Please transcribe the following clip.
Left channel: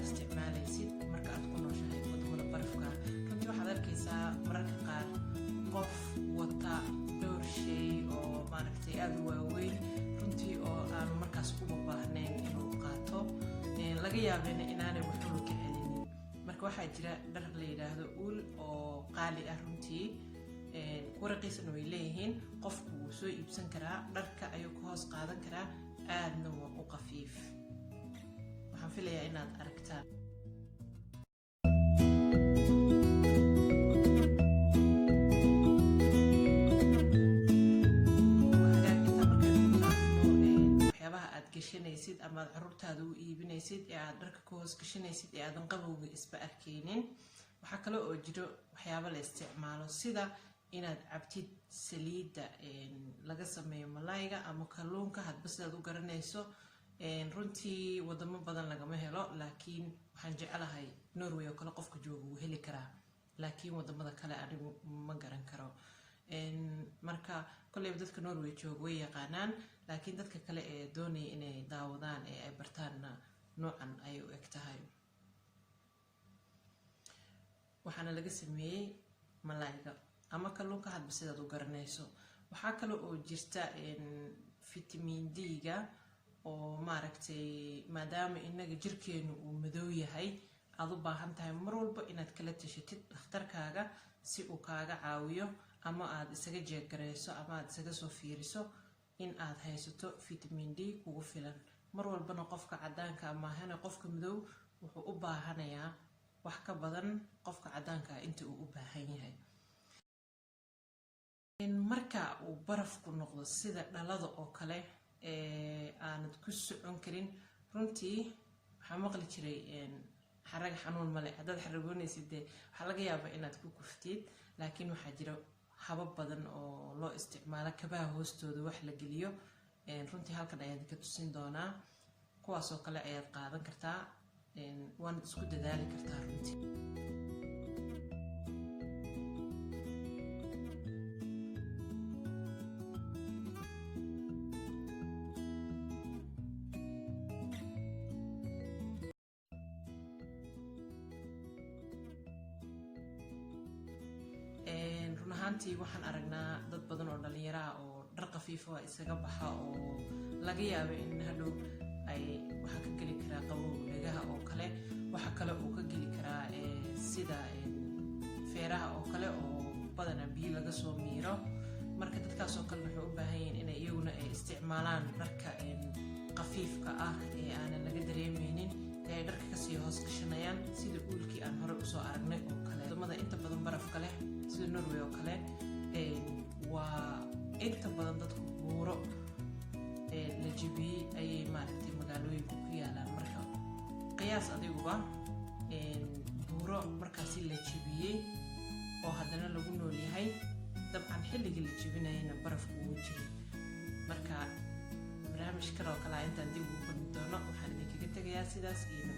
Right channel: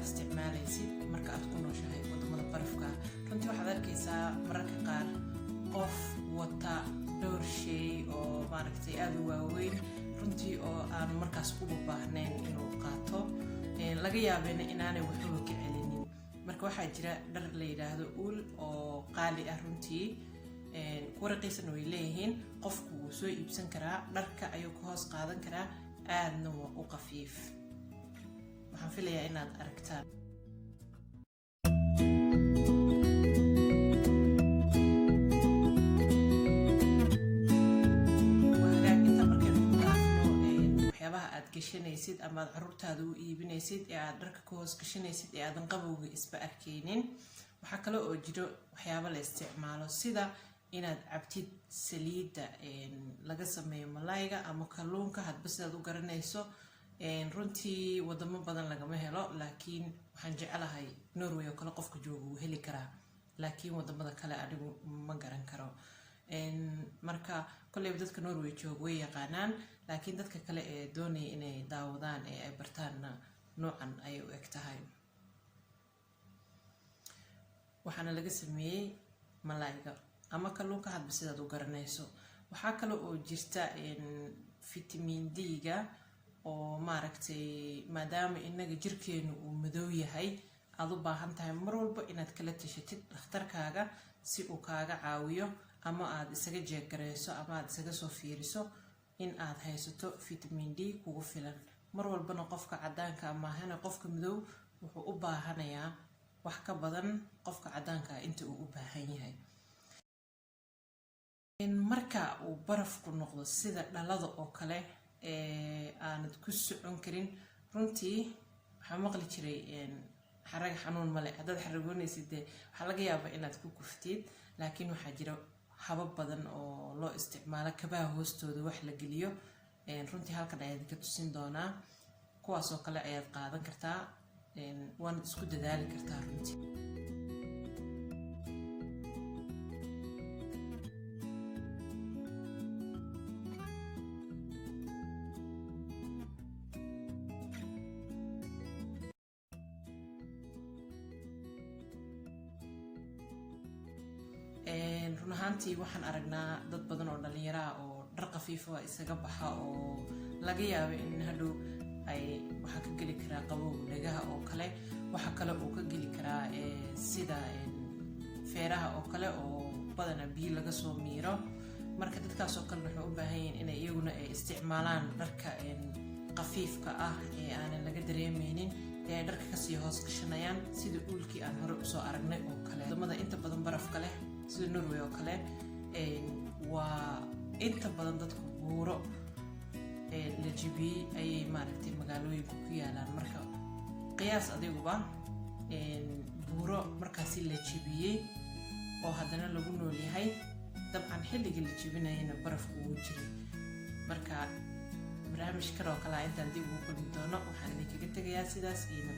aad isticmaalaysid marka aad ku nooshahay wadamada barafka runtii waxaad arkaysaa mararka qaar qof wata dhowr shay oo maaragtay aad u waaweyn runtii oo aan markaas ugu baahnayn inuu qaato laga yaabana inaanay waxba ka celinin marka waxaa jira dhar la yiraahdo uul oo qaali ah runtii warqiisana way leeyihiin qofku wuu soo iibsan karaa dharka ayuu ka hoos qaadan karaa aadna waa u qafiif waxaan filayaa inaad aragtaan waxyaabaha aad gashanaysid ama aad caruurtaada u iibinaysid ee aad dharka ka hoos gashanaysid ee aadan qabowga isba arkaynin waxaa kale oo jiro waxyaabo la isticmaalo sida inaad cabtid saliidda laga sameeyo malayga ama kalluunka hadba sidaad u garanayso runtii wadamo badan lagama helo laakiin waxaan jecelahay Norway oo kale qofka jooga wuu heli karaa laakiin wadamada kale anigu ma garan karo marka kolay dadka Norway jooga way yaqaanaan laakiin dadka kale ee doonay inay daawadaan ee ay bartaan noocan ay u egtahay waxaana laga sameeyay malayga ama kalluunka hadba sidaad u garanayso waxaa kale oo jirta vitamin D-ga oo maaragtay maadaama inaga jirkeenu uu madow yahay aad u baahan tahay mar walba inaad kala tashatid dhakhtarkaaga si uu kaaga caawiyo ama aad isaga jeegareyso ama aad isaga soo fiiriso in aad haysato vitamin D kugu filan mar walbana qofka cadaanka ama hana qofka madow wuxuu u baahanayaa wax ka badan qofka cadaanka inta uu u baahan yahay marka uu barafku noqdo sida dhalada oo kale aanad ku socon karin runtii waxaa maqli jiray xarag xanuun male haddaad xaragoonaysid waxaa laga yaabaa inaad ku kuftid laakiin waxaa jira habab badan oo loo isticmaalo kabaha hoostooda wax la geliyo runtii halkan ayaad ka tusin doonaa kuwaas oo kale ayaad qaadan kartaa waana isku dadaali kartaa runtii runtii waxaan aragnaa dad badan oo dhalinyaro ah oo dhar qafiif ah isaga baxa oo laga yaabo in hadhow ay waxa ka geli karaa qabowga dhagaha oo kale waxa kale oo ka geli karaa sida feeraha oo kale oo badan biyo laga soo miiro marka dadkaas oo kale waxay u baahan yihiin inay iyaguna isticmaalaan dharka qafiifka ah ee aan laga dareemaynin ee dharka ka sii hoos gashanayaan sida uulkii aan hore u soo aragnay oo kale wadamada inta badan barafka leh sida Norway oo kale waa inta badan dadku buuro la jibiyey ayay maaragtay magaalooyinka ku yaalaan marka qiyaas adiguba buuro markaasi la jibiyey oo haddana lagu nool yahay dabcan xilligii la jibinayana barafku uu jiray marka barnaamij kale oo kale intaan dib ugu qodi doono waxaan idinkaga tegayaa sidaas iyo